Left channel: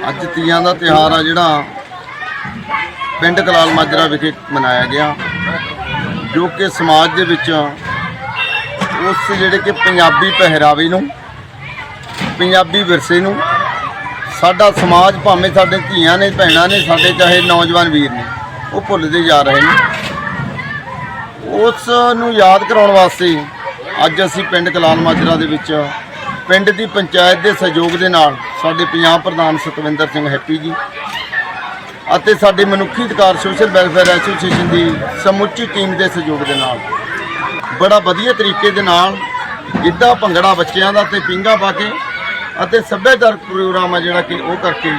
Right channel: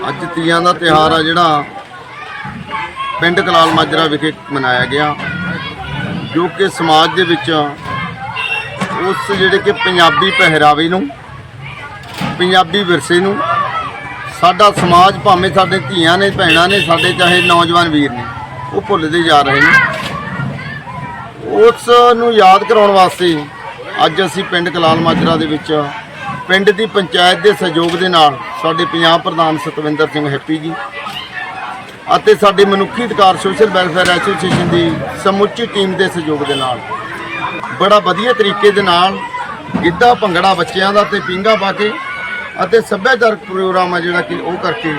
ਅੱਜ ਤੀਆਂ ਦਾ ਤਿਉਹਾਰ ਆ ਜਿਹੜਾ ਪਿੰਡ ਕਲਾਲ ਮਾਜਰਾ ਵਿਖੇ ਮਨਾਇਆ ਗਿਆ, ਜੋ ਕਿ ਸਮਾਜ ਦੇ ਵਿੱਚ ਉਸ ਜਿਹੜੇ ਕਿ ਪੰਜਾਬੀ ਪਹਿਰਾਵੇ ਨੂੰ, ਪੰਜਾਬੀ ਵਿਰਸੇ ਨੂੰ, ਸਾਡਾ ਸਮਾਜ ਭਾਵੇਂ ਸਾਡੇ ਧੀਆਂ ਨੇ, ਭੈਣਾਂ ਨੇ, ਸਾਡੇ ਚਾਹੇ ਨੌਜਵਾਨ ਵੀਰ ਨੇ, ਉਹ ਭੁੱਲਦੇ ਜਾ ਰਹੇ ਨੇ। ਉਸ ਨੂੰ ਯਾਦ ਕਰਾਉਣ ਵਾਸਤੇ ਅੱਜ ਅਸੀਂ ਪਿੰਡ ਕਲਾਲ ਮਾਜਰਾ ਦੇ ਵਿੱਚ ਪਿੰਡ ਦੀ ਪੰਚਾਇਤ ਦੇ ਸਹਿਯੋਗ ਦੇ ਨਾਲ ਸਾਡੇ ਪੰਜਾਬ ਪ੍ਰਧਾਨ ਸਤਵਿੰਦਰ ਸਿੰਘ ਹੈਪੀ ਜੀ ਅਤੇ ਸਾਡੇ ਮਨੁੱਖੀ ਅਧਿਕਾਰ ਸੋਸ਼ਲ ਵੈਲਫੇਅਰ ਐਸੋਸੀਏਸ਼ਨ ਦੀ ਸਮੁੱਚੀ ਟੀਮ ਦੇ ਸਹਿਯੋਗ ਦੇ ਨਾਲ, ਬੜਾ ਵਧੀਆ ਤਰੀਕੇ ਦੇ ਨਾਲ ਗਿੱਧਾ ਭੰਗੜਾ ਬੱਚਿਆਂ ਦਾ ਤੇ ਪਿੰਗਾ ਪਾ ਕੇ ਅਤੇ ਸੱਭਿਆਚਾਰਕ ਪ੍ਰੋਗਰਾਮ ਆ ਜਿਹੜਾ ਕਿ ਉਹ ਕਰਕੇ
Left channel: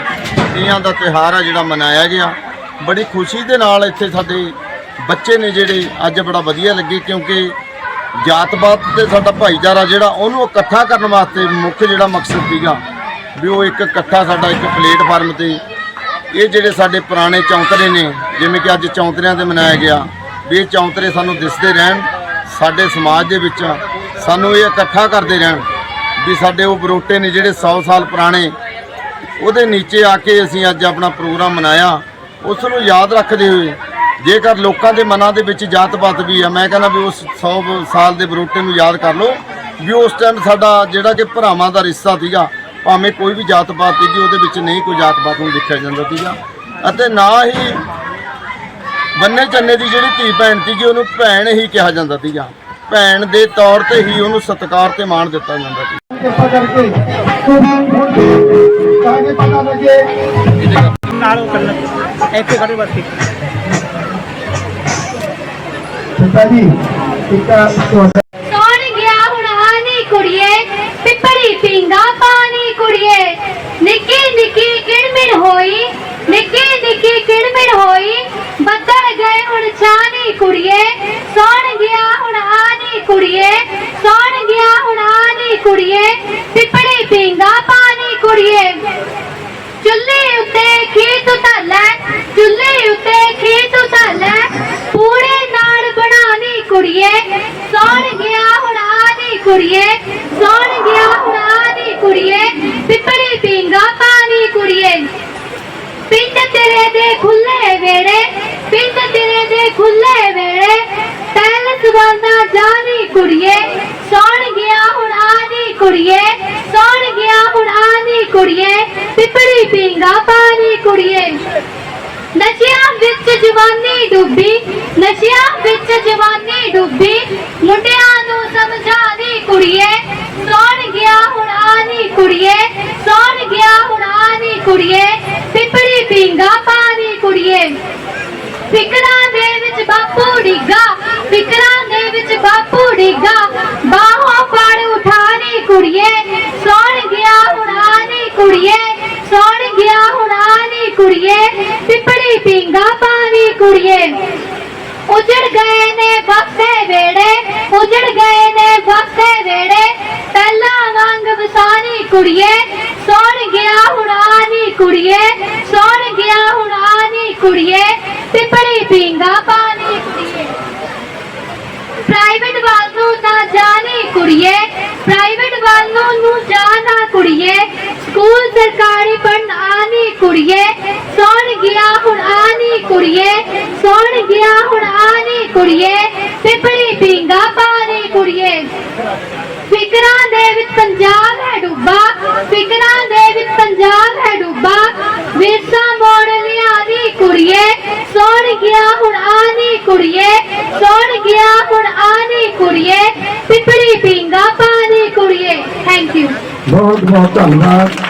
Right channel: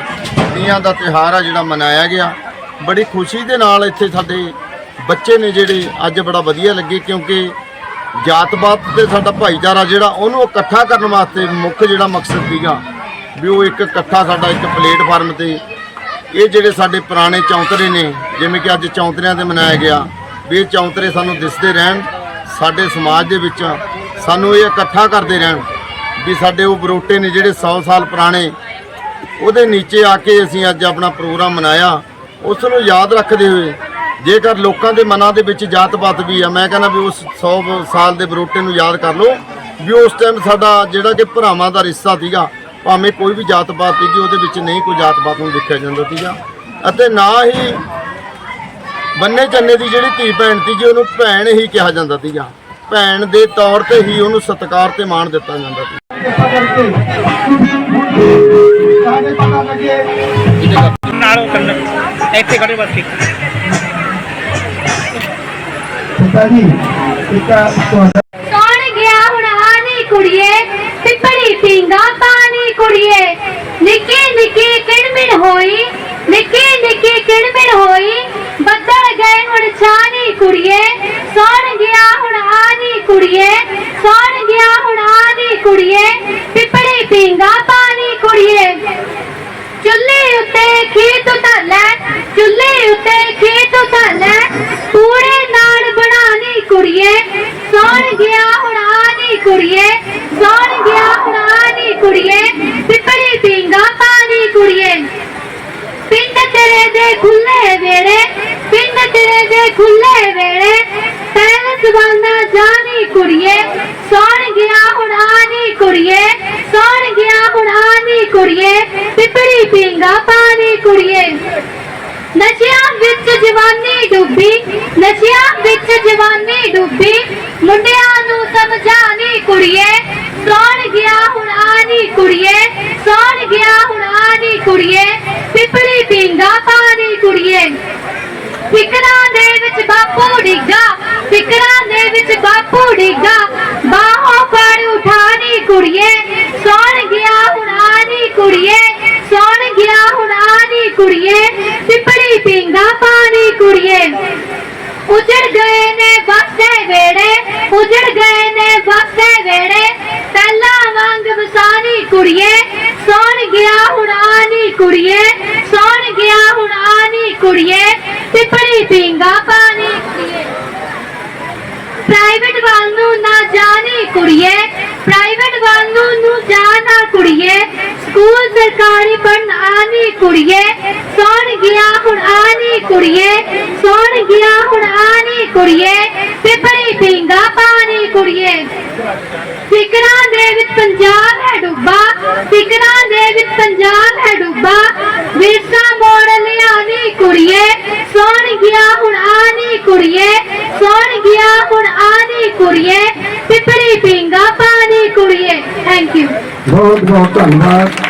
ਤੀਆਂ ਦਾ ਤਿਉਹਾਰ ਆ ਜਿਹੜਾ ਮਨਾਇਆ ਗਿਆ। ਬੜੀ ਖੁਸ਼ੀ ਦੇ ਨਾਲ ਇੱਥੇ ਸਾਡੇ ਬੱਚੇ ਨੇ ਜਿਹੜੇ ਅੱਜ ਬੜਾ ਵਧੀਆ ਲੱਗੇ ਕਿਉਂਕਿ ਜਾਤ-ਪਾਤ ਤੇ ਸਾਡਾ ਭਾਈਚਾਰਾ ਜਿਹੜਾ ਉਹਨੂੰ ਇਕੱਠਾ ਕਰਨ ਵਾਸਤੇ ਮੁੱਖ ਜਿਹੜਾ ਮਕਸਦ ਸੀਗਾ ਵੀ ਉਹ ਇੱਕ ਇਕੱਠਾ ਸਾਡਾ ਇੱਕ ਪਲੇਟਫਾਰਮ ਤੇ ਇਹ ਜਿਹੜੇ ਸਾਡੇ ਪੁਰਾਣੇ ਚੌਂਤਰੇ ਨੇ, ਜਿਵੇਂ ਕਿ ਅੱਜ ਚੌਂਤਰਿਆਂ ਤੇ ਮਨਾਇਆ ਗਿਆ, ਵੀ ਇਹ ਚੌਂਤਰੇ ਸਾਨੂੰ ਦਿਸਦੇ ਰਹਿਣ, ਸਾਡੇ ਸਮਾਜ ਦੇ ਵਿੱਚ ਸਾਨੂੰ ਇਹ ਇਕੱਠਾ ਕਰਦੇ ਰਹਿਣ, ਵੀ ਸਾਡੇ ਉਹ ਬਰੋਟੇ ਨੇ ਜਿਹੜੇ 100 ਸਾਲ ਪੁਰਾਣੇ, ਉਹਦੇ ਨੀਚੇ ਆ ਕੇ ਅਸੀਂ ਅੱਜ ਆਪਣਾ ਪ੍ਰੋਗਰਾਮ ਮਨਾਇਆ, ਉਸ ਨੂੰ ਯਾਦ ਰੱਖਦੇ ਹੋਏ, ਜੇਕਰ ਲੋਕਾਂ ਦੇ ਮਨਾਂ ਦੇ ਵਿੱਚ ਜਾਤ-ਪਾਤ ਵੀ ਆ, ਮੈਂ ਕਹਿੰਦਾ ਵੀ ਉਸ 100 ਸਾਲ ਦੇ ਬਰੋਟੇ ਨੂੰ ਯਾਦ ਕਰ ਲਓ, ਵੀ ਉਸ ਟਾਈਮ ਸਾਡਾ ਜਿਹੜਾ ਕਿ ਭਰਾਵਾਂ ਦਾ ਰਿਸ਼ਤਾ ਸੀਗਾ ਭਾਵੇਂ ਕੋਈ ਵੀ ਜਾਤ-ਪਾਤ ਸੀਗੀ ਉਹਦੇ ਵਿੱਚ ਨਹੀਂ ਕੋਈ ਜਾਤ-ਪਾਤ ਨੂੰ ਦੇਖਿਆ ਜਾਂਦਾ ਸੀਗਾ। ਅਤੇ ਨਾ ਹੀ ਬੰਨੇ ਚੰਨੇ ਦੀ ਜਿਹੜੀ ਧੀ ਭੈਣ ਸੀਗੀ ਉਹਨੂੰ ਭੈਣ ਹੀ ਕਿਹਾ ਜਾਂਦਾ ਸੀਗਾ। ਭੈਣ ਦੇ ਤੌਰ ਤੇ ਹੀ ਉਹਨੂੰ ਸਤਿਕਾਰ ਤੇ ਮਾਣ ਦਿੱਤਾ ਜਾਂਦਾ ਸੀ। ਕਿਰਪਾ ਕਰਕੇ ਸਾਡੇ ਪਤਾ ਲੱਗੇ ਨਾਲ ਉਹ ਕਰਨ ਇੱਥੇ ਖੜੇ ਬਸ ਠੀਕ ਪਿਤਾ ਜੀ ਪਿਤਾ ਤੁਹਾਡਾ ਕੌਣ ਗਿਆ ਹੁਣ ਹਾਨੀ ਕੁੜੀਏ ਪਿੱਪਲੀ ਪੀਂਦਾ ਪਾਣੀ ਕੁੜੀਏ ਨਿੱਕੀ ਨਿੱਕੀ ਕਿਣਮਿਣ ਹੋਈ ਨਿੱਕੀ ਨਿੱਕੀ ਕਿਣਮਿਣ ਹੋਈ ਬੱਦਲ ਗਏ ਹੁਣ ਛਾਨੀ ਕੁੜੀਏ, ਸੌਣ ਗਿਆ ਹੁਣ ਆਨੀ ਕੁੜੀਏ, ਸੌਣ ਗਿਆ ਹੁਣ ਆਨੀ ਕੁੜੀਏ, ਪਿੱਪਲੀ ਪੀਂਦਾ ਪਾਣੀ ਕੁੜੀਏ। ਚੁੱਲ੍ਹੇ ਉੱਤੇ ਖੇਤ ਧਾਲੈ ਚੁੱਲ੍ਹੇ ਉੱਤੇ ਖੇਤ ਧਾਲੈ ਪੂੜੇ ਨਾਲ ਬਣਾਣੀ ਕੁੜੀਏ, ਸੌਣ ਗਿਆ ਹੁਣ ਆਣੀ ਕੁੜੀਏ, ਸੌਣ ਗਿਆ ਹੁਣ ਆਣੀ ਕੁੜੀਏ ਪਿਪੜੀ ਪੀਂਗਾ ਪਾਣੀ ਕੁੜੀਏ। ਤੇਰੇ ਦੇ ਖੁੱਲੇ ਵੇੜੇ ਪਿੰਡ ਤੇਰੇ ਦੇ ਖੁੱਲੇ ਵੇੜੇ ਤੈਨ ਸਵਾਨਾ ਜਾਣੀ ਕੁੜੀਏ, ਸੌਣ ਗਿਆ ਹੁਣ ਆਣੀ ਕੁੜੀਏ, ਸੌਣ ਗਿਆ ਹੁਣ ਆਣੀ ਕੁੜੀਏ, ਪਿਪੜੀ ਪੀਂਗਾ ਪਾਣੀ ਕੁੜੀਏ। ਨਸ਼ਿਆਂ ਵਿੱਚ ਜਵਾਨੀ ਡੁੱਬੀ, ਨਸ਼ਿਆਂ ਵਿੱਚ ਜਵਾਨੀ ਡੁੱਬੀ, ਮੁੰਡਿਆਂ ਨੂੰ ਸਮਝਾਣੀ ਕੁੜੀਏ, ਸੌਣ ਗਿਆ ਹੁਣ ਆਣੀ ਕੁੜੀਏ, ਸੌਣ ਗਿਆ ਹੁਣ ਆਣੀ ਕੁੜੀਏ। ਪਿਪੜੀ ਪੀਂਗਾ ਕੁੜੀਏ। ਫਿਕਰਾਂ ਦੇ ਵਿੱਚ ਬਾਪੂ ਡਿੱਗਾ, ਫਿਕਰਾਂ ਦੇ ਵਿੱਚ ਬਾਪੂ ਡਿੱਗਾ। ਬਾਹੋਂ ਫੜ ਉਠਾਣੀ ਕੁੜੀਏ, ਸੌਣ ਗਿਆ ਹੁਣ ਆਣੀ ਕੁੜੀਏ, ਸੌਣ ਗਿਆ ਹੁਣ ਆਣੀ ਕੁੜੀਏ ਪਿਪੜੀ ਪਿੰਗਾ ਪਾਣੀ ਕੁੜੀਏ। ਉਜੜ ਗਏ ਨੇ ਬਸੇ ਵੇੜੇ, ਉਜੜ ਗਏ ਨੇ ਬਸੇ ਵੇੜੇ, ਪਹਿਲਾਂ ਵਾਂਗ ਵਸਾਣੀ ਕੁੜੀਏ ਸੌਣ ਗਿਆ ਹੁਣ ਆਣੀ ਕੁੜੀਏ, ਸੌਣ ਗਿਆ ਹੁਣ ਆਣੀ ਕੁੜੀਏ ਪਿਪੜੀ ਪਿੰਗਾ ਪਾਣੀ ਕੁੜੀਏ। ਪ੍ਰਾਈਵੇਟ ਵੱਲ ਨੂੰ ਨਾ ਜਾਣੀ ਕੁੜੀਏ ਪ੍ਰਾਈਵੇਟ ਵੱਲ ਨੂੰ ਜਾਣਾ ਕੁੜੀਏ। ਸਕੂਲ ਸਰਕਾਰੀ ਪੜਨ ਆਣੀ ਕੁੜੀਏ, ਸੌਣ ਗਿਆ ਹੁਣ ਆਣੀ ਕੁੜੀਏ, ਸੌਣ ਗਿਆ ਹੁਣ ਆਣੀ ਕੁੜੀਏ ਪਿਪੜੀ ਪਿੰਗਾ ਪਾਣੀ ਕੁੜੀਏ। ਫਿਕਰਾਂ ਦੇ ਵਿੱਚ ਪੰਜਾਬ ਹੈ ਡੁੱਬਾ, ਫਿਕਰਾਂ ਦੇ ਵਿੱਚ ਪੰਜਾਬ ਹੈ ਡੁੱਬਾ। ਵਿਰਸਾ ਮੋੜ ਲਿਆਣੀ ਕੁੜੀਏ, ਸੌਣ ਗਿਆ ਹੁਣ ਆਣੀ ਕੁੜੀਏ, ਸੌਣ ਗਿਆ ਹੁਣ ਆਣੀ ਕੁੜੀਏ, ਪਿਪੜੀ ਪਿੰਗਾ ਪਾਣੀ ਕੁੜੀਏ। ਥੈਂਕ ਯੂ ਬਹੁਤ ਬਹੁਤ ਧੰਨਵਾਦ।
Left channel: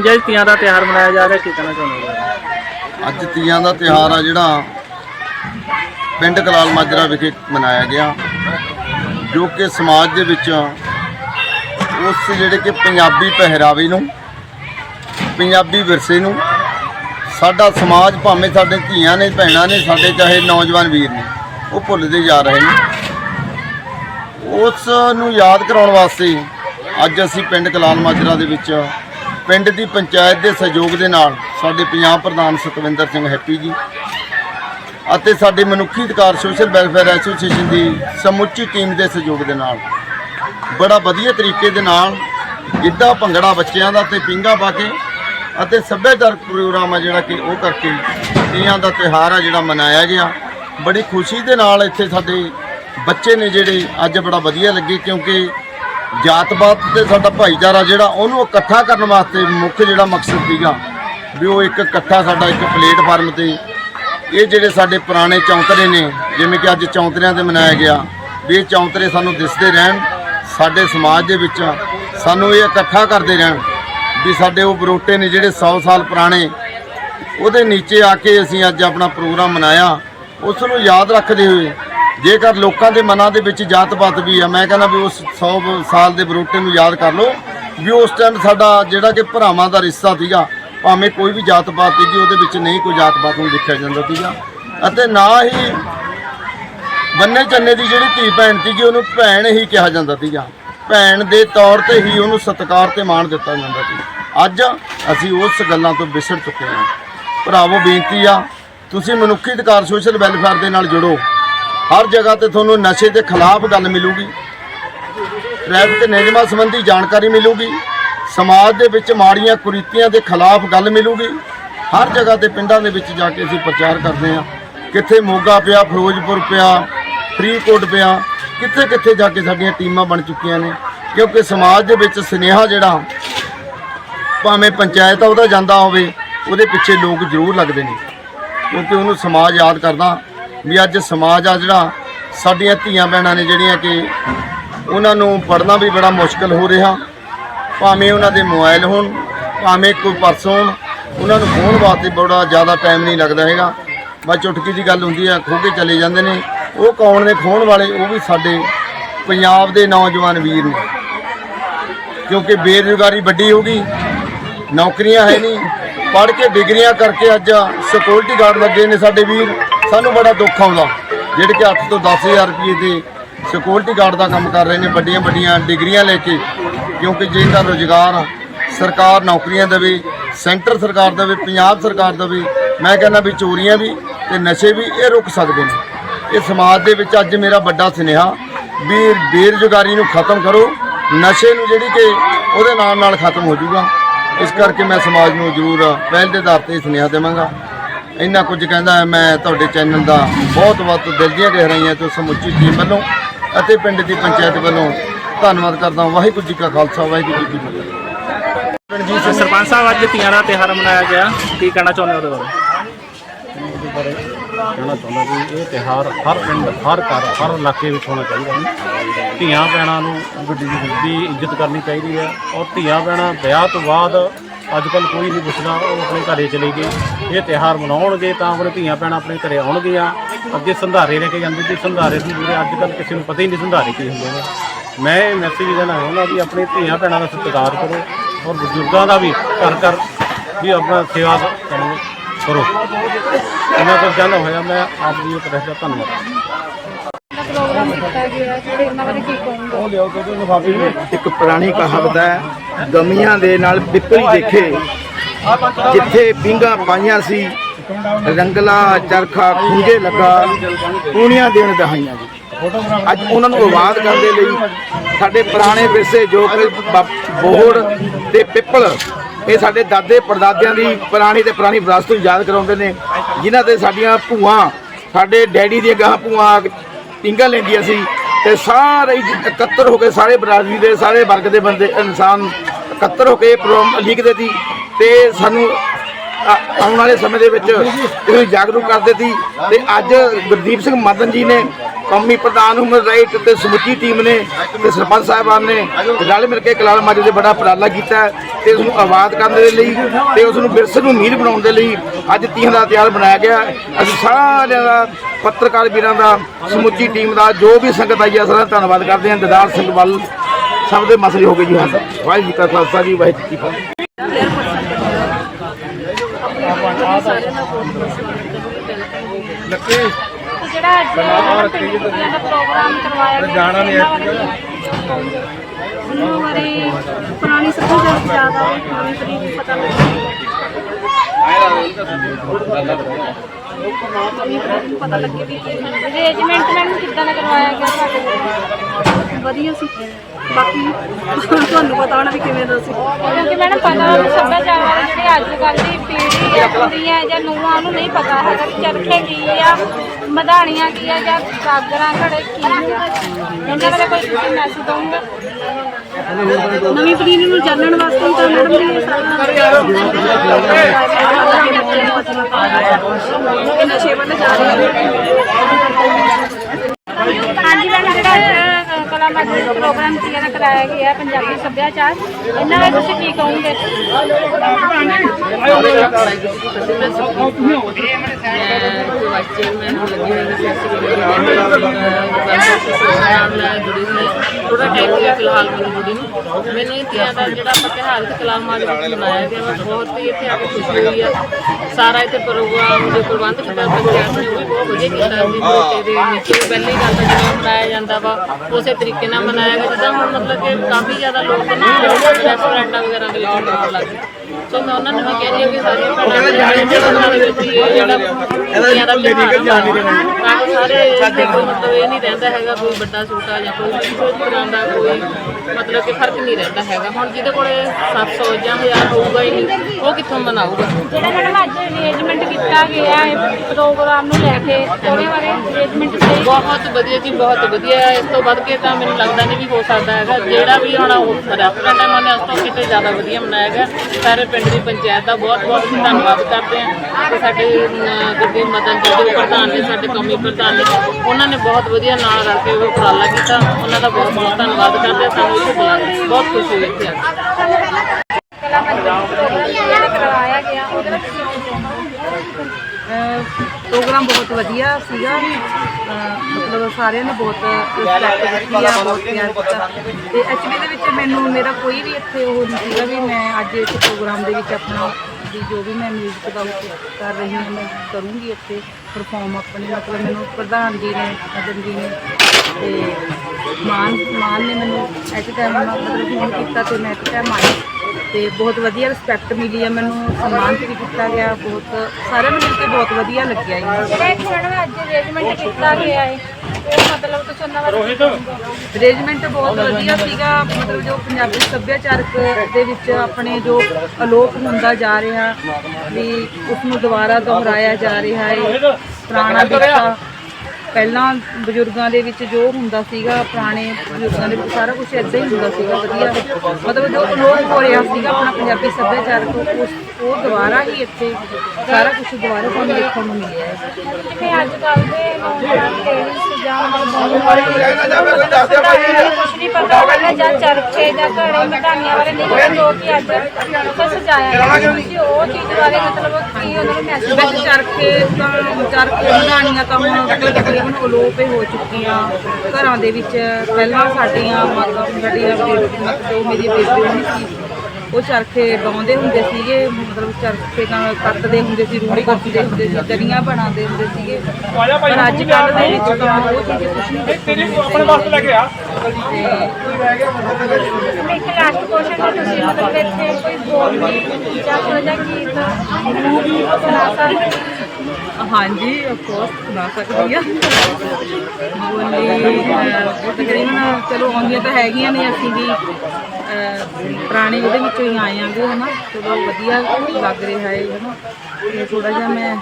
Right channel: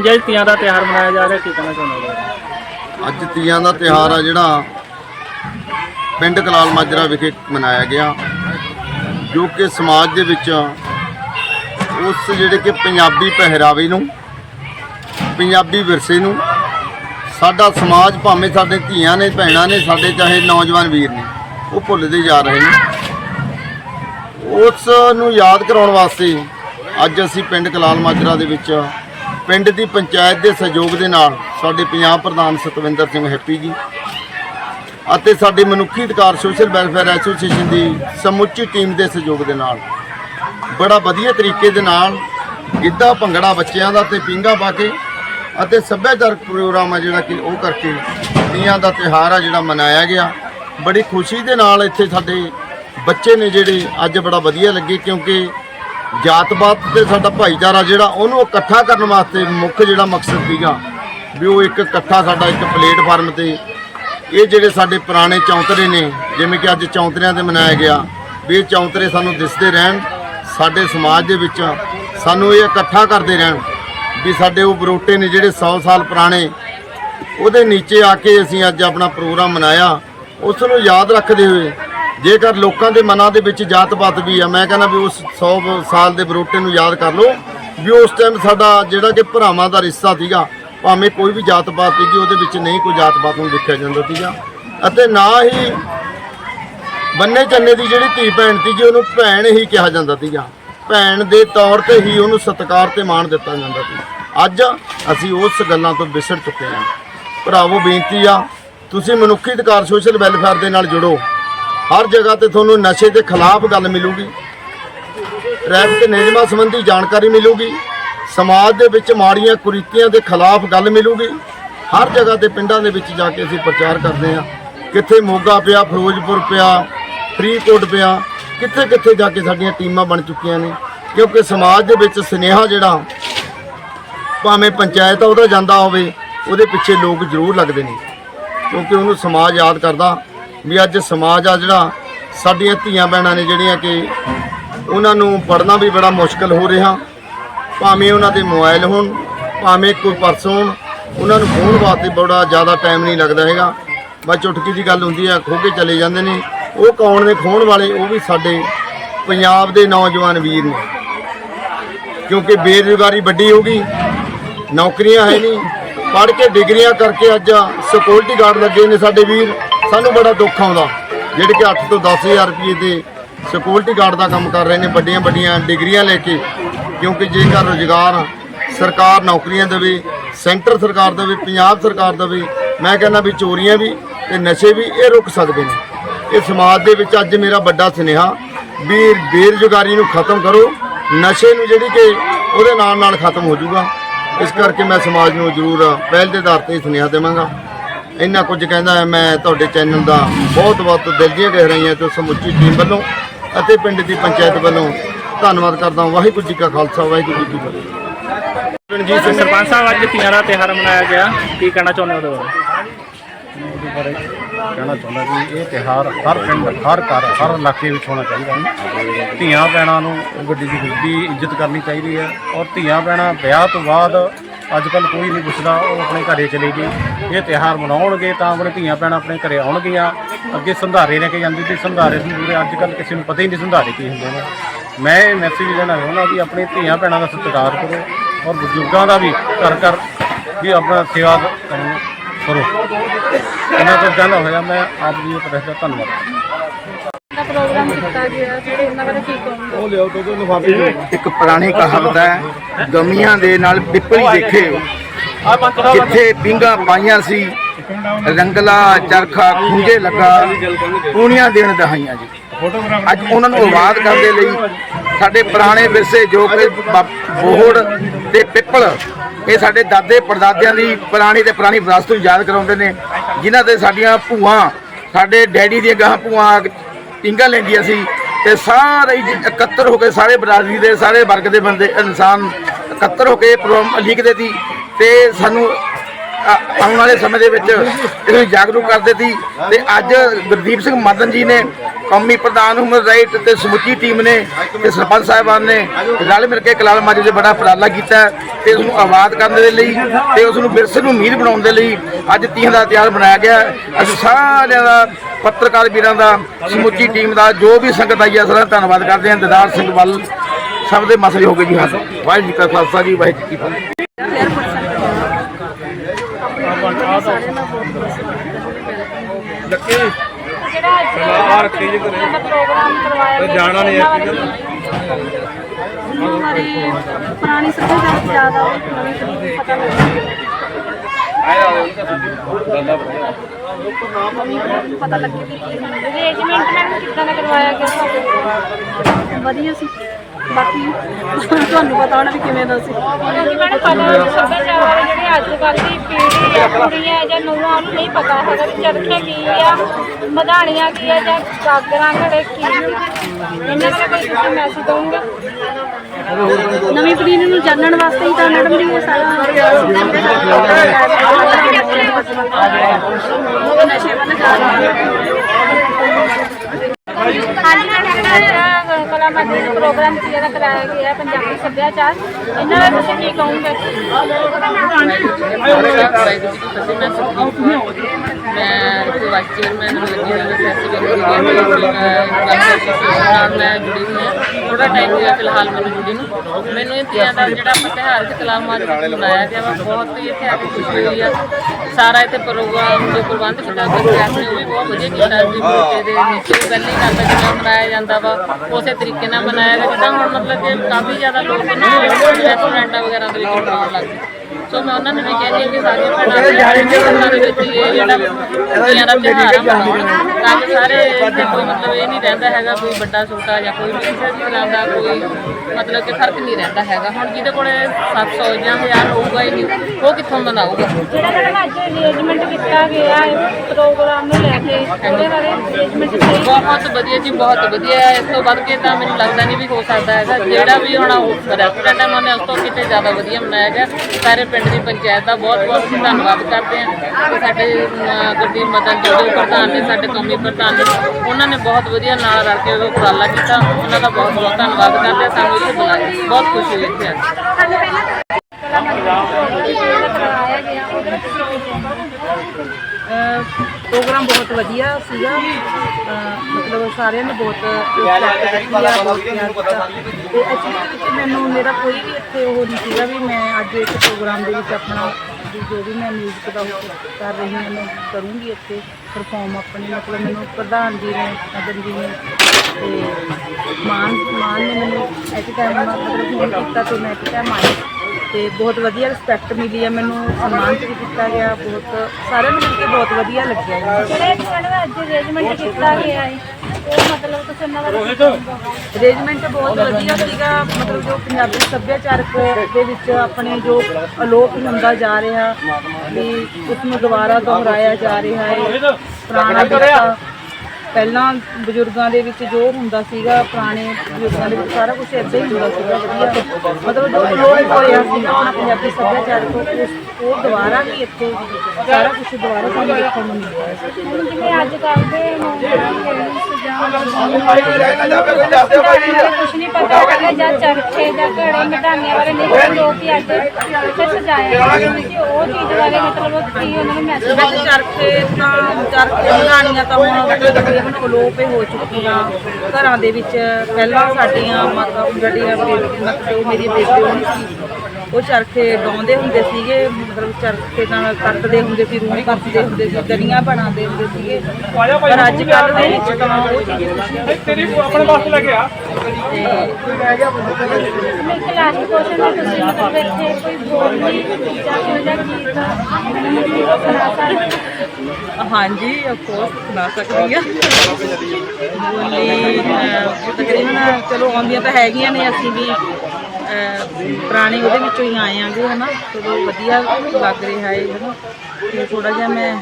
ਪ੍ਰਧਾਨ ਅੱਜ ਤੀਆਂ ਦਾ ਤਿਉਹਾਰ ਮਨਾਇਆ ਜਾ ਰਿਹਾ, ਕੀ ਕਹਿਣਾ ਚਾਹੁੰਦੇ ਹੋ? ਅੱਜ ਤੀਆਂ ਦਾ ਤਿਉਹਾਰ ਆ ਜਿਹੜਾ ਪਿੰਡ ਕਲਾਲ ਮਾਜਰਾ ਵਿਖੇ ਮਨਾਇਆ ਗਿਆ, ਜੋ ਕਿ ਸਮਾਜ ਦੇ ਵਿੱਚ ਉਸ ਜਿਹੜੇ ਕਿ ਪੰਜਾਬੀ ਪਹਿਰਾਵੇ ਨੂੰ, ਪੰਜਾਬੀ ਵਿਰਸੇ ਨੂੰ, ਸਾਡਾ ਸਮਾਜ ਭਾਵੇਂ ਸਾਡੇ ਧੀਆਂ ਨੇ, ਭੈਣਾਂ ਨੇ, ਸਾਡੇ ਚਾਹੇ ਨੌਜਵਾਨ ਵੀਰ ਨੇ, ਉਹ ਭੁੱਲਦੇ ਜਾ ਰਹੇ ਨੇ। ਉਸ ਨੂੰ ਯਾਦ ਕਰਾਉਣ ਵਾਸਤੇ ਅੱਜ ਅਸੀਂ ਪਿੰਡ ਕਲਾਲ ਮਾਜਰਾ ਦੇ ਵਿੱਚ ਪਿੰਡ ਦੀ ਪੰਚਾਇਤ ਦੇ ਸਹਿਯੋਗ ਦੇ ਨਾਲ ਸਾਡੇ ਪੰਜਾਬ ਪ੍ਰਧਾਨ ਸਤਵਿੰਦਰ ਸਿੰਘ ਹੈਪੀ ਜੀ ਅਤੇ ਸਾਡੇ ਮਨੁੱਖੀ ਅਧਿਕਾਰ ਸੋਸ਼ਲ ਵੈਲਫੇਅਰ ਐਸੋਸੀਏਸ਼ਨ ਦੀ ਸਮੁੱਚੀ ਟੀਮ ਦੇ ਸਹਿਯੋਗ ਦੇ ਨਾਲ ਬੜਾ ਵਧੀਆ ਤਰੀਕੇ ਦੇ ਨਾਲ ਗਿੱਧਾ ਭੰਗੜਾ ਬੱਚਿਆਂ ਦਾ ਤੇ ਪਿੰਗਾ ਪਾ ਕੇ ਅਤੇ ਸੱਭਿਆਚਾਰਕ ਪ੍ਰੋਗਰਾਮ ਆ ਜਿਹੜਾ ਕਿ ਉਹ ਕਰਕੇ ਤੀਆਂ ਦਾ ਤਿਉਹਾਰ ਆ ਜਿਹੜਾ ਮਨਾਇਆ ਗਿਆ। ਬੜੀ ਖੁਸ਼ੀ ਦੇ ਨਾਲ ਇੱਥੇ ਸਾਡੇ ਬੱਚੇ ਨੇ ਜਿਹੜੇ ਅੱਜ ਬੜਾ ਵਧੀਆ ਲੱਗੇ ਕਿਉਂਕਿ ਜਾਤ-ਪਾਤ ਤੇ ਸਾਡਾ ਭਾਈਚਾਰਾ ਜਿਹੜਾ, ਉਹਨੂੰ ਇਕੱਠਾ ਕਰਨ ਵਾਸਤੇ ਮੁੱਖ ਜਿਹੜਾ ਮਕਸਦ ਸੀਗਾ, ਵੀ ਉਹ ਇੱਕ ਇਕੱਠਾ ਸਾਡਾ ਇੱਕ ਪਲੇਟਫਾਰਮ ਤੇ, ਇਹ ਜਿਹੜੇ ਸਾਡੇ ਪੁਰਾਣੇ ਚੌਂਤਰੇ ਨੇ, ਜਿਵੇਂ ਕਿ ਅੱਜ ਚੌਂਤਰਿਆਂ ਤੇ ਮਨਾਇਆ ਗਿਆ, ਵੀ ਇਹ ਚੌਂਤਰੇ ਸਾਨੂੰ ਦਿਸਦੇ ਰਹਿਣ, ਸਾਡੇ ਸਮਾਜ ਦੇ ਵਿੱਚ ਸਾਨੂੰ ਇਹ ਇਕੱਠਾ ਕਰਦੇ ਰਹਿਣ, ਵੀ ਸਾਡੇ ਉਹ ਬਰੋਟੇ ਨੇ ਜਿਹੜੇ 100 ਸਾਲ ਪੁਰਾਣੇ, ਉਹਦੇ ਨੀਚੇ ਆ ਕੇ ਅਸੀਂ ਅੱਜ ਆਪਣਾ ਪ੍ਰੋਗਰਾਮ ਮਨਾਇਆ, ਉਸ ਨੂੰ ਯਾਦ ਰੱਖਦੇ ਹੋਏ ਜੇਕਰ ਲੋਕਾਂ ਦੇ ਮਨਾਂ ਦੇ ਵਿੱਚ ਜਾਤ-ਪਾਤ ਵੀ ਆ, ਮੈਂ ਕਹਿੰਦਾ ਵੀ ਉਸ 100 ਸਾਲ ਦੇ ਬਰੋਟੇ ਨੂੰ ਯਾਦ ਕਰ ਲਓ ਵੀ ਉਸ ਟਾਈਮ ਸਾਡਾ ਜਿਹੜਾ ਕਿ ਭਰਾਵਾਂ ਦਾ ਰਿਸ਼ਤਾ ਸੀਗਾ, ਭਾਵੇਂ ਕੋਈ ਵੀ ਜਾਤ-ਪਾਤ ਸੀਗੀ, ਉਹਦੇ ਵਿੱਚ ਨਹੀਂ ਕੋਈ ਜਾਤ-ਪਾਤ ਨੂੰ ਦੇਖਿਆ ਜਾਂਦਾ ਸੀਗਾ। ਅਤੇ ਨਾ ਹੀ ਬੰਨੇ ਚੰਨੇ ਦੀ ਜਿਹੜੀ ਧੀ ਭੈਣ ਸੀਗੀ, ਉਹਨੂੰ ਭੈਣ ਹੀ ਕਿਹਾ ਜਾਂਦਾ ਸੀਗਾ। ਭੈਣ ਦੇ ਤੌਰ ਤੇ ਹੀ ਉਹਨੂੰ ਸਤਿਕਾਰ ਤੇ ਮਾਣ ਦਿੱਤਾ ਜਾਂਦਾ ਸੀ। ਅੱਜ ਅਸੀਂ ਉਸ ਗੱਲਾਂ ਤੋਂ ਵਿਸੜ ਚੁੱਕੇ ਹਾਂ। ਭਰਾਵੋ, ਬੇਨਤੀ ਆ, ਤੁਸੀਂ ਮਨੁੱਖੀ ਅਧਿਕਾਰ, ਸੋਸ਼ਲ ਵੈਲਫੇਅਰ ਦੇ ਨਾਲ ਜੁੜੋ। ਹਰ ਜਗ੍ਹਾ ਤੇ ਤੁਹਾਨੂੰ ਨਸ਼ੇ ਦੇ ਖਿਲਾਫ ਗੱਲ ਮਿਲੂਗੀ। ਟ੍ਰੈਫਿਕ ਨਿਯਮਾਂ ਸੰਬੰਧੀ ਜਾਣਕਾਰੀ ਮਿਲੂਗੀ। ਸਮਾਜ ਦੇ ਵਿੱਚ ਮਾੜੀਆਂ ਕੁਰੀਤੀਆਂ ਦੇ ਖਿਲਾਫ ਗੱਲ ਮਿਲੂਗੀ। ਹਰ ਜਗ੍ਹਾ ਤੇ ਪਿੰਡਾਂ ਦੇ ਵਿੱਚ ਜਾ ਕੇ ਅਸੀਂ ਪ੍ਰਚਾਰ ਕਰਦੇ ਹਾਂ। ਕਿੱਥੇ ਮੋਗਾ ਪਿਆ, ਫਿਰੋਜ਼ਪੁਰ ਪਿਆ, ਫਰੀਦਕੋਟ ਪਿਆ ਕਿੱਥੇ ਕਿੱਥੇ ਜਾ ਕੇ ਸਾਡੀਆਂ ਟੀਮਾਂ ਬਣ ਚੁੱਕੀਆਂ ਨੇ। ਕਿਉਂਕਿ ਸਮਾਜ ਦੇ ਵਿੱਚ ਸੁਨੇਹਾ ਜਿਹੜਾ, ਭਾਵੇਂ ਪੰਚਾਇਤ ਆ, ਉਹਦਾ ਜਾਂਦਾ ਹੋਵੇ, ਉਹਦੇ ਪਿੱਛੇ ਲੋਕ ਜ਼ਰੂਰ ਲੱਗਦੇ ਨੇ। ਕਿਉਂਕਿ ਉਹਨੂੰ ਸਮਾਜ ਯਾਦ ਕਰਦਾ। ਵੀ ਅੱਜ ਸਮਾਜ ਆ ਜਿਹੜਾ, ਸਾਡੀਆਂ ਧੀਆਂ ਭੈਣਾਂ ਨੇ ਜਿਹੜੀਆਂ ਕਿ ਉਹਨਾਂ ਨੂੰ ਪੜ੍ਹਨਾ ਵੀ ਬੜਾ ਮੁਸ਼ਕਲ ਹੋ ਰਿਹਾ। ਭਾਵੇਂ ਉਹਨਾਂ ਦੇ ਮੋਬਾਈਲ ਹੋਣ, ਭਾਵੇਂ ਕੋਈ ਪਰਸ ਹੋਣ, ਉਹਨਾਂ ਨੂੰ ਖੋਹਣ ਵਾਸਤੇ ਬੜਾ ਜ਼ਿਆਦਾ ਟਾਈਮ ਨਹੀਂ ਲੱਗਦਾ ਹੈਗਾ। ਬਸ ਚੁਟਕੀ ਦੀ ਗੱਲ ਹੁੰਦੀ ਆ, ਖੋ ਕੇ ਚਲੇ ਜਾਂਦੇ ਨੇ। ਉਹ ਕੌਣ ਨੇ ਖੋਹਣ ਵਾਲੇ, ਉਹ ਵੀ ਸਾਡੇ ਪੰਜਾਬ ਦੇ ਨੌਜਵਾਨ ਵੀਰ ਨੇ। ਕਿਉਂਕਿ ਬੇਰੁਜ਼ਗਾਰੀ ਵੱਡੀ ਹੋ ਗਈ, ਨੌਕਰੀਆਂ ਹੈ ਨਹੀਂ। ਪੜ੍ਹ ਕੇ ਡਿਗਰੀਆਂ ਕਰਕੇ ਅੱਜ ਸਿਕਿਉਰਿਟੀ ਗਾਰਡ ਲੱਗੇ ਨੇ ਸਾਡੇ ਵੀਰ। ਸਾਨੂੰ ਬੜਾ ਦੁੱਖ ਆਉਂਦਾ। ਜਿਹੜੇ ਕਿ 8 ਤੋਂ 10000 ਰੁਪਏ ਦੇ ਸਿਕਿਉਰਿਟੀ ਗਾਰਡ ਦਾ ਕੰਮ ਕਰ ਰਹੇ ਨੇ, ਵੱਡੀਆਂ ਵੱਡੀਆਂ ਡਿਗਰੀਆਂ ਲੈ ਕੇ। ਕਿਉਂਕਿ ਜੇਕਰ ਰੁਜ਼ਗਾਰ ਸਰਕਾਰ ਨੌਕਰੀਆਂ ਦੇਵੇ, ਸੈਂਟਰ ਸਰਕਾਰ ਦੇਵੇ, ਪੰਜਾਬ ਸਰਕਾਰ ਦੇਵੇ, ਮੈਂ ਕਹਿੰਦਾ ਵੀ ਚੋਰੀਆਂ ਵੀ ਤੇ ਨਸ਼ੇ ਵੀ ਇਹ ਰੁਕ ਸਕਦੇ ਨੇ। ਇਹ ਸਮਾਜ ਦੇ ਵਿੱਚ ਅੱਜ ਮੇਰਾ ਵੱਡਾ ਸੁਨੇਹਾ, ਵੀ ਬੇਰੁਜ਼ਗਾਰੀ ਨੂੰ ਖਤਮ ਕਰੋ, ਨਸ਼ੇ ਨੂੰ ਜਿਹੜੀ ਕਿ ਉਹਦੇ ਨਾਲ ਨਾਲ ਖਤਮ ਹੋ ਜਾਊਗਾ। ਇਸ ਕਰਕੇ ਮੈਂ ਸਮਾਜ ਨੂੰ ਜ਼ਰੂਰ ਪਹਿਲ ਦੇ ਆਧਾਰ ਤੇ ਸੁਨੇਹਾ ਦੇਵਾਂਗਾ। ਇੰਨਾ ਕੁਝ ਕਹਿੰਦਾ ਮੈਂ ਤੁਹਾਡੇ ਚੈਨਲ ਦਾ ਬਹੁਤ ਬਹੁਤ ਦਿਲ ਦੀਆਂ ਗਹਿਰਾਈਆਂ ਤੋਂ ਸਮੁੱਚੀ ਟੀਮ ਵੱਲੋਂ ਅਤੇ ਪਿੰਡ ਦੀ ਪੰਚਾਇਤ ਵੱਲੋਂ ਧੰਨਵਾਦ ਕਰਦਾ ਹਾਂ। ਵਾਹਿਗੁਰੂ ਜੀ ਕਾ ਖਾਲਸਾ ਵਾਹਿਗੁਰੂ ਜੀ ਕੀ ਫਤਿਹ। ਰਣਜੀਤ ਸਿੰਘ। ਸਰਪੰਚ ਸਾਹਿਬ ਅੱਜ ਤੀਆਂ ਦਾ ਤਿਉਹਾਰ ਮਨਾਇਆ ਗਿਆ। ਕੀ ਕਹਿਣਾ ਚਾਹੁੰਦੇ ਹੋ ਉਹਦੇ ਬਾਰੇ? ਉਹਦੇ ਬਾਰੇ ਕਹਿਣਾ ਚਾਹੁੰਦਾ ਕਿ ਇਹ ਤਿਹਾਰ ਹਰ ਪਿੰਡ ਹਰ ਘਰ ਹਰ ਇਲਾਕੇ ਵਿੱਚ ਹੋਣਾ ਚਾਹੀਦਾ ਹੈ। ਧੀਆਂ ਭੈਣਾਂ ਨੂੰ ਵੱਡੀ ਦੀ ਇੱਜ਼ਤ ਕਰਨੀ ਚਾਹੀਦੀ ਹੈ ਔਰ ਧੀਆਂ ਭੈਣਾਂ ਵਿਆਹ ਤੋਂ ਬਾਅਦ ਅੱਜ ਕੱਲ ਕੋਈ ਨਹੀਂ ਪੁੱਛਦਾ ਉਹ ਆਪਣੇ ਘਰੇ ਚਲੇ ਗਏ। ਇਹ ਤਿਹਾਰ ਮਨਾਉਣਗੇ ਤਾਂ ਆਪਣੇ ਧੀਆਂ ਭੈਣਾਂ ਆਪਣੇ ਘਰੇ ਆਉਣਗੀਆਂ। ਅੱਗੇ ਸੰਧਾਰੇ ਲੈ ਕੇ ਜਾਂਦੇ ਸੀ। ਸੰਧਾਰੇ ਸੰਧੂਰੇ ਅੱਜ ਕੱਲ ਕਿਸੇ ਨੂੰ ਪਤਾ ਹੀ ਨਹੀਂ ਸੰਧਾਰੇ ਕੀ ਹੁੰਦੇ ਨੇ। ਮੈਂ ਇਹ ਮੈਸੇਜ ਦੇਣਾ ਚਾਹੁੰਦਾ ਵੀ ਆਪਣੇ ਧੀਆਂ ਭੈਣਾਂ ਦਾ ਸਤਿਕਾਰ ਕਰੋ ਔਰ ਬਜ਼ੁਰਗਾਂ ਦਾ ਵੀ ਘਰ ਘਰ ਵੀ ਆਪਣਾ ਸੇਵਾ ਕਰੋ ਕਰੋ। ਇਹਨਾਂ ਕੁਝ ਕਹਿਣਾ ਹੋਇਆ ਮੈਂ ਆਪ ਜੀ ਦਾ ਧੰਨਵਾਦ। ਦਾ ਪ੍ਰੋਗਰਾਮ ਕੀਤਾ ਗਿਆ ਤੇ ਇਹਨਾਂ ਬਾਰੇ ਕੀ ਕਹੋਗੇ? ਇੱਕ ਪੁਰਾਣੀ ਕਹਾਵਤ ਹੈ ਗਮੀਆਂ ਦੇ ਨਾਲ ਪਿੱਪਲੀ ਦੇਖੇ। ਜਿੱਥੇ ਪਿੰਗਾ ਪਾਈਆਂ ਸੀ, ਰੰਗਲਾ, ਚਰਖਾ ਖੂੰਜੇ ਲੱਗਾ ਪੂਣੀਆਂ ਦੇਣ ਦਹਾਈਆਂ ਜੀ। ਅੱਜ ਉਹਨਾਂ ਨੂੰ ਆਬਾਦ ਕਰਨ ਦੇ ਲਈ ਸਾਡੇ ਪੁਰਾਣੇ ਵਿਰਸੇ ਜੋ ਕਿ ਬੋਹੜ ਤੇ ਪਿੱਪਲ, ਇਹ ਸਾਡੇ ਦਾਦੇ ਪੜਦਾਦਿਆਂ ਦੀ ਪੁਰਾਣੀ ਤੇ ਪੁਰਾਣੀ ਵਿਰਾਸਤ ਨੂੰ ਯਾਦ ਕਰਾਉਂਦੇ ਨੇ, ਜਿਨ੍ਹਾਂ ਤੇ ਸਾਡੀਆਂ ਭੂਆਂ, ਸਾਡੇ ਡੈਡੀ ਦੀਆਂ ਗਾਂ ਭੂਆਂ ਪਿੰਗਾ ਲੈਂਦੀਆਂ ਸੀ ਤੇ ਸਾਰੇ ਹੀ ਇਕੱਤਰ ਹੋ ਕੇ ਸਾਰੇ ਬਰਾਦਰੀ ਦੇ, ਸਾਰੇ ਵਰਗ ਦੇ ਬੰਦੇ, ਇਨਸਾਨ ਇਕੱਤਰ ਹੋ ਕੇ ਪ੍ਰੋਗਰਾਮ ਲਿਖਦੇ ਸੀ। ਤੇ ਸਾਨੂੰ ਆ- ਆਉਣ ਵਾਲੇ ਸਮੇਂ ਦੇ ਵਿੱਚ ਇਸ ਨੂੰ ਜਾਗਰੂਕ ਕਰਦੇ ਸੀ ਤੇ ਅੱਜ ਗੁਰਦੀਪ ਸਿੰਘ ਮਦਨ ਜੀ ਨੇ ਕੌਮੀ ਪ੍ਰਧਾਨ ਹੁਮਰ ਰਾਈਟ ਤੇ ਸਮੁੱਚੀ ਟੀਮ ਨੇ ਤੇ ਸਰਪੰਚ ਸਾਹਿਬਾਨ ਨੇ ਰਲ ਮਿਲ ਕੇ ਕਲਾਲ ਮਾਜਰੇ ਦੇ ਬੜਾ ਉਪਰਾਲਾ ਕੀਤਾ ਹੈ ਤੇ ਉਸ ਨੂੰ ਆਬਾਦ ਕਰਨ ਦੇ ਲਈ ਤੇ ਉਸ ਨੂੰ ਵਿਰਸੇ ਨੂੰ ਅਮੀਰ ਬਣਾਉਣ ਦੇ ਲਈ ਅੱਜ ਤੀਆਂ ਦਾ ਤਿਆਰ ਬਣਾਇਆ ਗਿਆ। ਹੈ। ਅਸੀਂ ਸਾਰਿਆਂ ਦਾ, ਪੱਤਰਕਾਰ ਵੀਰਾਂ ਦਾ, ਸਮੁੱਚੀ ਟੀਮ ਦਾ ਜੋ ਵੀ ਸੰਗਤ ਆਈ ਹੈ ਸਾਰਿਆਂ ਦਾ ਧੰਨਵਾਦ ਕਰਦੇ ਹਾਂ। ਦਿਦਾਰ ਸਿੰਘ ਵੱਲ ਸਭ ਦੇ ਮਸਲੇ ਹੋ ਗਏ ਜੀ ਹਾਂ ਵਾਹਿਗੁਰੂ ਜੀ ਕਾ ਖਾਲਸਾ ਜੀ, ਵਾਹਿਗੁਰੂ ਜੀ ਕੀ ਫਤਿਹ ਸਾਰਿਆਂ ਦਾ ਬਹੁਤ ਬਹੁਤ ਹੈ ਜਿਹੜਾ ਅੱਜ ਪ੍ਰੋਗਰਾਮ ਕਰਵਾਇਆ ਗਿਆ ਜਾਣਾ ਨਹੀਂ ਉਹਨਾਂ ਬਾਰੇ ਪੁਰਾਣੀ ਸੱਭਿਆਚਾਰ ਯਾਦ ਆਵੇ ਨਵੀਂ ਨੂੰ ਪਤਾ ਲੱਗੇ ਪਤਾ ਲੱਗੇ ਵੀ ਕੀ ਅਰੇਂਜਮੈਂਟ ਮੈਮ ਕਿੱਦਾਂ ਦਾ ਕਰਵਾਇਆ ਗਿਆ ਵਧੀਆ ਸੀ ਬਾਕੀ ਤੁਹਾਨੂੰ ਪਤਾ ਹੋਣਾ ਵੀ ਕਿਵੇਂ ਦਾ ਸੀ ਮੈਡਮ ਪੰਜਾਬੀ ਸੱਭਿਆਚਾਰ ਬਾਰੇ ਜਿਹੜੀ ਅੱਜ ਕੱਲ੍ਹ ਦੀ ਪੀੜ੍ਹੀ ਆ ਕੁੜੀਆਂ ਜਾਂ ਨੂੰਹਾਂ ਨੂੰ ਨਹੀਂ ਪਤਾ ਹੈਗਾ ਕਿ ਚਰਖੇ ਕੀ ਆ, ਮਧਾਣੀਆਂ ਕੀ ਆ ਜਾਂ ਗਾਗਰਾਂ ਘੜੇ ਕੀ ਆ। ਇਹਨਾਂ ਬਾਰੇ ਕੋਈ ਤੁਸੀਂ ਮੈਸੇਜ ਦੋਗੇ ਨਵੀਂ ਪੀੜ੍ਹੀ ਨੂੰ ਜਾਣਨ ਵਾਸਤੇ ਹੀ ਤਾਂ ਮੈਡਮ ਜੀ ਇਹ ਸਾਰਾ ਪਤਾ ਨੂੰ। ਪਤਾ ਨਸ਼ੇ ਵੱਲ ਜਾ ਰਹੇ ਨੇ। ਅਹ, ਦਾ ਪ੍ਰੋਗਰਾਮ ਤੀਆਂ ਕਰਾਇਆ ਗਿਆ ਪੰਜਾਬੀ ਸੱਭਿਆਚਾਰ। ਇਹਨਾਂ ਬਾਰੇ ਤੁਸੀਂ ਕੀ ਕਹੋਗੇ? ਵਾਹਿਗੁਰੂ ਮੈਂ ਸੁਖਦੀਪ ਕੌਰ ਮੈਂ ਇੱਥੇ ਵਾਈਸ ਚੇਅਰਮੈਨ ਲੱਗੀ ਹੋਈ ਹਾਂ ਸਿਆਸੀ ਵੇਲੇ ਦੀ ਵੈਲਫੇਅਰ ਨਾਲ ਮੈਂ ਜੁੜੀ ਹੋਈ ਹਾਂ। ਥੋੜਾ ਟਾਈਮ ਹੋਇਆ ਫਿਲਹਾਲ ਮੈਨੂੰ ਜੁੜੀ ਨੂੰ। ਮੈਨੂੰ ਇਹ ਤੀਆਂ ਦਾ ਜਿਹੜਾ ਆਪਾਂ ਤਿਉਹਾਰ ਇੱਥੇ ਕਲਾਮ ਮਾਜਰੇ ਵਿੱਚ ਮਨਾਇਆ ਗਿਆ ਵਾ, ਬਹੁਤ ਹੀ ਇੱਥੇ ਆ ਕੇ ਖੁਸ਼ੀ ਹੋਈ ਆ। ਸਾਰਾ ਇੱਥੇ ਪ੍ਰੋਗਰਾਮ ਜੋ ਪ੍ਰਬੰਧ ਕੀਤਾ ਪੰਚਾਇਤ ਨੇ ਉਹ ਵੀ ਬਹੁਤ ਵਧੀਆ ਕੀਤਾ ਸੀ ਮੋਟੇ ਦੇ ਨੀਚੇ ਵੀ ਪਹਿਲੀ ਗੱਲ ਤਾਂ ਜਿਵੇਂ ਮਨਾਇਆ ਜਾਂਦਾ ਵਾ, ਉਸੇ ਤਰੀਕੇ ਨਾਲ ਮਨਾਇਆ ਗਿਆ, ਜਿੱਦਾਂ ਹੁਣ ਮਤਲਬ ਕਿ ਕਾਫੀ ਜ਼ਿਆਦਾ ਲੋਕ ਨਾ ਰੈਸਟੋਰੈਂਟਾਂ ਵਗੈਰਾ ਦੇ ਵਿੱਚ ਮਨਾਉਣ ਲੱਗ ਗਏ। ਸੋ ਮੈਂ ਉਹਨਾਂ ਨੂੰ ਵੀ ਕਹਿੰਦੀ ਹਾਂ ਕਿ ਸਾਰੀਆਂ ਭੈਣਾਂ ਦੇ ਘਰਾਂ ਦੇ ਵਿੱਚ ਇਹ ਜਿਹੜਾ ਕੁੜੀਆਂ ਦਾ ਤਿਉਹਾਰ ਆ ਮਨਾਉਣ ਤਾਂ ਕਿ ਸਾਰੇ ਇੱਥੇ ਕੋਈ ਮਤਲਬ ਇਹ ਨਹੀਂ ਰਹਿੰਦਾ ਹੈਗਾ ਕੋਈ ਵੱਡਾ ਛੋਟਾ ਜਾਂ ਕੋਈ ਕਿਸੇ ਤਰ੍ਹਾਂ ਦਾ ਕੋਈ ਮਤਲਬ ਕਿ ਫ਼ਰਕ ਨਹੀਂ ਰਹਿੰਦਾ ਹੈਗਾ। ਹੁਣ ਜਿਹਦੇ ਕੋਲੇ 700 ਜਾਂ 1000 ਹੋਊਗਾ ਹੀ ਨਹੀਂ ਉਹ ਕਿੱਥੋਂ ਮਨਾਊਗਾ? ਜਿਹੜਾ ਮੈਡਮ ਅੱਜ ਅਰੇਂਜਮੈਂਟ ਕੀਤਾ ਗਿਆ ਹੈ ਪ੍ਰੋਗਰਾਮ ਨੂੰ ਲੈ ਕੇ ਉਹਦੇ ਬਾਰੇ ਅਰੇਂਜਮੈਂਟ ਸਹੀ ਬਹੁਤ ਵਧੀਆ ਜੀ ਬਹੁਤ ਵਧੀਆ। ਇਸ ਤੋਂ ਵੱਧ ਕੇ ਤਾਂ ਮੈਨੂੰ ਲੱਗਦਾ ਨਹੀਂ ਵੀ ਹੋ ਸਕਦਾ ਹੈਗਾ। ਜਿਹੜਾ ਵੀ ਹੁਣ ਰੈਸਟੋਰੈਂਟ ਹੈ ਉਹਨਾਂ ਨੇ ਉਸ ਤੋਂ ਕਿਤੇ ਜ਼ਿਆਦਾ ਵਧੀਆ ਮਨਾਇਆ ਗਿਆ ਸਾਰੇ ਪਿੰਡ ਦੀ ਪੰਚਾਇਤ ਦਾ ਬਹੁਤ ਬਹੁਤ ਧੰਨਵਾਦ ਕਰਦੇ ਹਾਂ ਤੇ ਸਾਡੇ ਅਮ, ਗੁਰਦੀਪ ਮਦਨ ਜੀ ਪ੍ਰਧਾਨ ਨੇ ਸਾਡੇ ਕੌਮੀ ਪ੍ਰਧਾਨ ਨੇ ਉਹਨਾਂ ਨੇ ਬਹੁਤ ਵਧੀਆ ਨਾਲ ਰਲ ਕੇ ਉਪਰਾਲਾ ਕੀਤਾ। ਉਹਨਾਂ ਦਾ ਬਹੁਤ ਬਹੁਤ ਧੰਨਵਾਦ ਕਰਦੇ ਹਾਂ ਸਾਨੂੰ ਇੱਥੇ ਬੁਲਾਇਆ ਬਹੁਤ ਖੁਸ਼ੀ ਹੋਈ ਇੱਥੇ ਆ ਕੇ। ਪ੍ਰੋਗਰਾਮ ਬਹੁਤ ਵਧੀਆ ਸੀਗਾ। ਅਹ ਮਤਲਬ ਸਾਰਿਆਂ ਨੇ ਬਹੁਤ ਰਿਸਪੈਕਟ ਦਿੱਤੀ ਆ, ਬਹੁਤ ਪਿਆਰ ਕੀਤਾ। ਤੇ ਐਚਪੀ ਦੇ ਵਿੱਚ ਮੈਨੂੰ, ਮੇਰਾ ਕੋਈ ਵੀ ਇੱਥੇ ਉਹ ਨਹੀਂ ਸੀਗਾ ਵੀ ਮੈਂ ਅੱਜ ਇਸ ਪ੍ਰੋਗਰਾਮ ਦੇ ਵਿੱਚ ਆਪਣਾ ਵੀ ਜੋ ਵੀ ਮੈਂ ਮਿਊਜ਼ਿਕ ਦਾ ਉਹ ਕਰ ਰਹੀ ਹਾਂ, ਮੈਂ ਕਰੂੰਗੀ ਇੱਥੇ ਪਰਫਾਰਮ ਆਪਣੀ। ਮਤਲਬ ਮੈਨੂੰ ਪ੍ਰਧਾਨ ਜੀ ਨੇ, ਮਦਨ ਜੀ ਨੇ ਤੇ ਮਾਨ ਮਾਨ ਨੇ ਮੈਨੂੰ ਐਟ ਟਾਈਮ ਮਤਲਬ ਫੋਨ ਕੀਤਾ ਤੇ ਮੈਂ ਐਟ ਟਾਈਮ ਆਈ। ਤੇ ਬਹੁਤ ਵਧੀਆ ਰਿਸਪੈਕਟ ਮਿਲੀ ਹੈ ਮੈਨੂੰ ਸਨਮਾਨਿਤ ਵੀ ਕੀਤਾ ਗਿਆ ਬਹੁਤ ਸਾਰਿਆਂ ਨੂੰ ਮਿਲ ਕੇ ਬਹੁਤ ਵਧੀਆ ਲੱਗਿਆ ਜੀ। ਜਿਹੜੇ ਵੀ ਮੈਡਮ ਅੱਜ ਅਰੇਂਜਮੈਂਟ ਕੀਤਾ ਗਿਆ ਹੈ। ਉਹ ਮਤਲਬ ਤੁਸੀਂ ਉਹਨਾਂ ਬਾਰੇ ਕੀ ਕਹੋਗੇ ਅਰੇਂਜਮੈਂਟ ਬਹੁਤ ਵਧੀਆ ਸੀਗਾ ਮਤਲਬ ਜੋ ਪੰਜਾਬੀ ਸੱਭਿਆਚਾਰਕ ਦੇ ਵਿੱਚ ਆਪਣੇ ਜੋ ਅਲੋਪ ਹੁੰਦਾ ਜਾ ਰਿਹਾ ਵੀ ਉਸ ਨੂੰ ਦੁਬਾਰਾ ਦੁਹਰਾਇਆ ਜਾ ਰਿਹਾ ਹੈ ਪੁਰਾਣਾ ਵਿਰਸਾ ਪਹਿਲਾਂ ਬਜ਼ੁਰਗਾਂ ਦੇ ਵਿੱਚ ਜੋ ਹੁੰਦਾ ਸੀਗਾ, ਪੁਰਾਣੇ ਬਜ਼ੁਰਗਾਂ ਦੇ ਵਿੱਚ ਸਾਰਾ ਕੁਝ ਇਦਾਂ ਹੀ ਹੁੰਦਾ ਸੀਗਾ, ਵਧੀਆ। ਮਤਲਬ ਜੋ ਲੋਕ ਹੋ ਸੀਗਾ, ਆਪਣਾ ਪੰਜਾਬੀ ਸੱਭਿਆਚਾਰਕ ਉਸ ਉਹ ਦੁਬਾਰਾ ਹੀ ਇੱਥੇ ਸਾਰਾ ਕੁਝ ਦੁਬਾਰਾ ਸਾਨੂੰ ਦੇਖਣ ਨੂੰ ਮਿਲਿਆ ਹੈ। ਜਿਵੇਂ ਅੱਜ ਕੱਲ੍ਹ ਦੇ ਲੇਡੀਜ਼ ਜਾਂ ਕੁਝ ਨਹੀਂ ਪਤਾ ਹੈਗਾ ਜਾਂ ਚਰਖੇ ਜਾਂ ਘੜੇ ਮਟਾਣੀਆਂ ਬਾਰੇ ਨਹੀਂ ਪਤਾ ਜੋ ਕਿ ਅੱਜ ਇੱਥੇ ਸਜਾਇਆ ਗਿਆ ਤੁਸੀਂ ਉਹ ਚੀਜ਼ ਬਾਰੇ ਮਤਲਬ ਕੀ ਉਹਨਾਂ ਨੂੰ ਮੈਸੇਜ ਵੈਸੇ ਚਰਖੇ ਤਾਂ ਚਰਖੇ ਬਣਾਉਣੀਆਂ ਤਾਂ ਹੁਣ ਤਕਰੀਬਨ ਅਲੋਪ ਹੀ ਹੋ ਚੁੱਕੀਆਂ। ਘਰਾਂ ਦੇ ਵਿੱਚ ਪਹਿਲਾਂ ਸਾਡੀਆਂ ਮਾਤਾ ਸਾਡੀਆਂ ਬੇਬੀ ਮਤਲਬ ਜੋ ਮੇਰੀ ਬੇਬੇ ਹੋਣੀ ਸੀ। ਉਹ ਚਰਖੇ ਡਾਉਂਦੇ ਹੁੰਦੇ ਸੀਗੇ, ਮਤਲਬ ਚਰਖੇ ਨਾਲ ਕੱਤਦੇ ਹੁੰਦੇ ਸੀ, ਰੂੜੀ ਕੱਤਦੇ ਹੁੰਦੇ ਸੀ, ਦਰੀਆਂ ਬਣਾਉਂਦੇ ਹੁੰਦੇ ਸੀਗੇ। ਪਰ ਅੱਜ ਕੱਲ ਦੇ ਵਿੱਚ ਤਾਂ ਉਹ ਚੀਜ਼ ਕੁਝ ਨਹੀਂ ਦੇਖਣ ਨੂੰ ਮਿਲਦੀ ਤੇ ਇੱਕ ਲਾਸਟ ਕੁਐਸਚਨ ਹੈ ਤੁਸੀਂ ਮਤਲਬ ਇੱਥੇ ਕੋਈ ਬੋਲੀ ਜਾਂ ਕੋਈ ਦਾ ਗੀਤ ਹਾਂਜੀ ਆਫ ਕੋਰਸ ਸੁਣਾ ਸਕਦੀ ਆ। ਬੋਲੀ ਤਕਰੀਬਨ, ਚਲੋ, ਆਉਂਦੀਆਂ ਤਾਂ ਹੈਗੀਆਂ ਨੇ, ਅਸੀਂ ਵੀ ਪੁਰਾਣੇ ਉਹਦੇ ਵਿੱਚੋਂ ਹੀ ਆਏ ਆਂਗੇ, ਹਨਾ? ਚਲੋ, ਵਧੀਆ ਲੱਗ ਰਿਹਾ ਹੈ ਹਨਾ? ਤੇ ਥੋੜਾ ਜਿਹਾ ਮੈਂ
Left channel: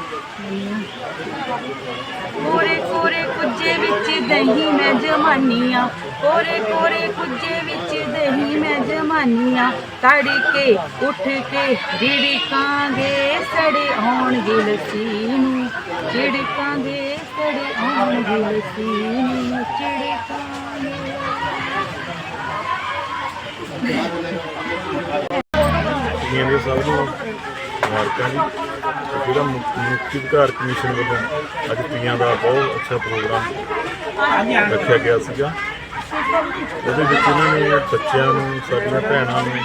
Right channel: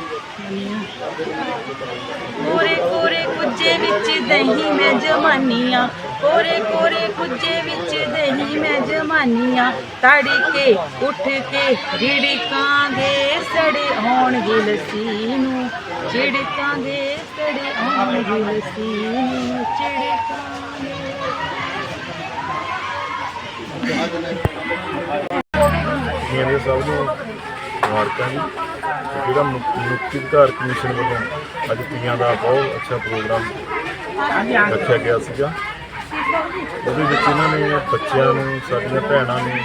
ਕੋਰੇ ਕੋਰੇ ਕੁੱਜੇ ਵਿੱਚ ਦਹੀਂ ਮੈਂ ਜਮਾਨੀਆਂ ਕੋਰੇ ਕੋਰੇ ਕੁੱਜੇ ਵਿੱਚ ਦਹੀਂ ਮੈਂ ਜਮਾਨੀਆਂ ਤੜੀ ਕੇ ਉੱਠ ਕੇ ਰਿੜਕਾਂਗੇ ਸੜੇ ਆਉਣਗੇ ਲੱਸੀ ਨੂੰ। ਚਿੜਕਾਂਗੇ ਸੜੇ ਆਉਣਗੇ ਲੱਸੀ ਨੂੰ। ਚਿੜਕਾਂਗੇ ਤੀਆਂ ਸਭ ਨੂੰ ਮੁਬਾਰਕਾਂ ਜੀ। ਜਿਹੜਾ ਮੁ- ਮੁਕਤੀ ਅਧਿਕਾਰ ਕਮਿਸ਼ਨ ਵੱਲੋਂ ਅੱਜ ਪੀਆਂ ਦਾ ਬਹੁਤ ਅੱਛਾ ਪ੍ਰੋਗਰਾਮ ਰੱਖਿਆ ਗਿਆ ਸੀਗਾ। ਉਹਦੇ ਵਿੱਚ ਇਹਨਾਂ ਨੇ ਬੱਚਿਆਂ ਨੂੰ, ਸਾਡੀਆਂ ਭੈਣਾਂ ਨੂੰ,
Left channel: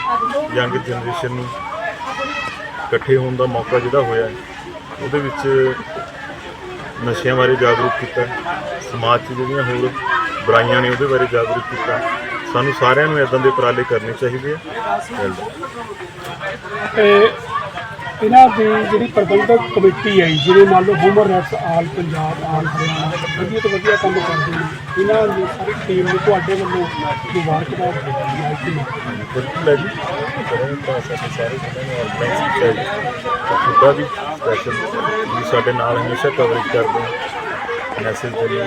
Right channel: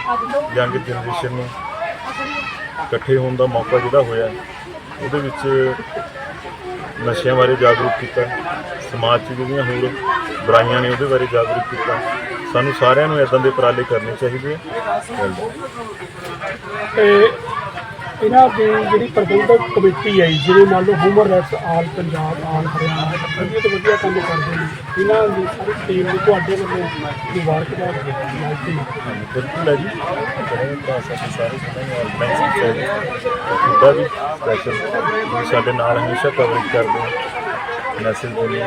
ਯੰਗ ਜਨਰੇਸ਼ਨ ਨੂੰ ਇਕੱਠੇ ਹੋਣ ਦਾ ਮੌਕਾ ਜਿਹੜਾ ਹੋਇਆ ਉਹਦੇ ਵਿੱਚ ਨਸ਼ਿਆਂ ਬਾਰੇ ਜਾਗਰੂਕ ਕੀਤਾ। ਸਮਾਜ 'ਚ ਜਿਹੜੀਆਂ ਹੋਰ ਬੁਰਾਈਆਂ ਨੇ ਉਹਦੇ ਬਾਰੇ ਜਾਗਰੂਕ ਕੀਤਾ। ਸਾਨੂੰ ਸਾਰਿਆਂ ਨੂੰ ਇਦਾਂ ਦੇ ਉਪਰਾਲੇ ਕਰਨੇ ਚਾਹੀਦੇ ਆ। ਤੇ ਇਹਨਾਂ ਦੀ ਜਿਹੜੀ ਪ੍ਰਬੰਧਕ ਕਮੇਟੀ ਹੈ ਜਿਵੇਂ ਮੰਨ ਲਓ human rights all Punjab all Haryana ਵਧੀਆ ਤੋਂ ਵਧੀਆ ਕੰਮ ਕਰਦੇ ਨੇ। ਇਹਨਾਂ ਦੀ ਸਾਰੀ ਟੀਮ ਨੂੰ ਤੁਹਾਡੇ ਵੱਲੋਂ ਮੁਬਾਰਕਬਾਦ ਦਿੰਦੀ ਹੈ। ਬਿਲਕੁਲ ਹੈ ਜੀ। ਕਰੇ ਤਾਂ ਸਾਡੇ ਸਾਰੇ ਜਿਨ੍ਹਾਂ ਨੇ ਆਰਗੇਨਾਈਜ਼ ਕੀਤਾ ਹੈ ਜੀ ਤੁਹਾਡਾ ਵੀ ਸਪੈਸ਼ਲ ਤੁਸੀਂ ਸਾਡੇ ਨਾਲ ਹਮੇਸ਼ਾ ਕਵਰੇਜ ਕਰਦੇ ਮੈਸੇਜ ਦਿੰਦੇ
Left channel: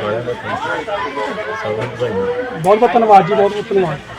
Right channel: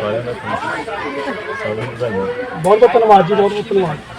ਸਾਰਿਆਂ ਦਾ ਥੈਂਕ ਯੂ ਸਭ ਨੂੰ ਵਧਾਈਆਂ ਬਹੁਤ ਬਹੁਤ ਧੰਨਵਾਦ ਜੀ ਬਹੁਤ ਬਹੁਤ ਧੰਨਵਾਦ।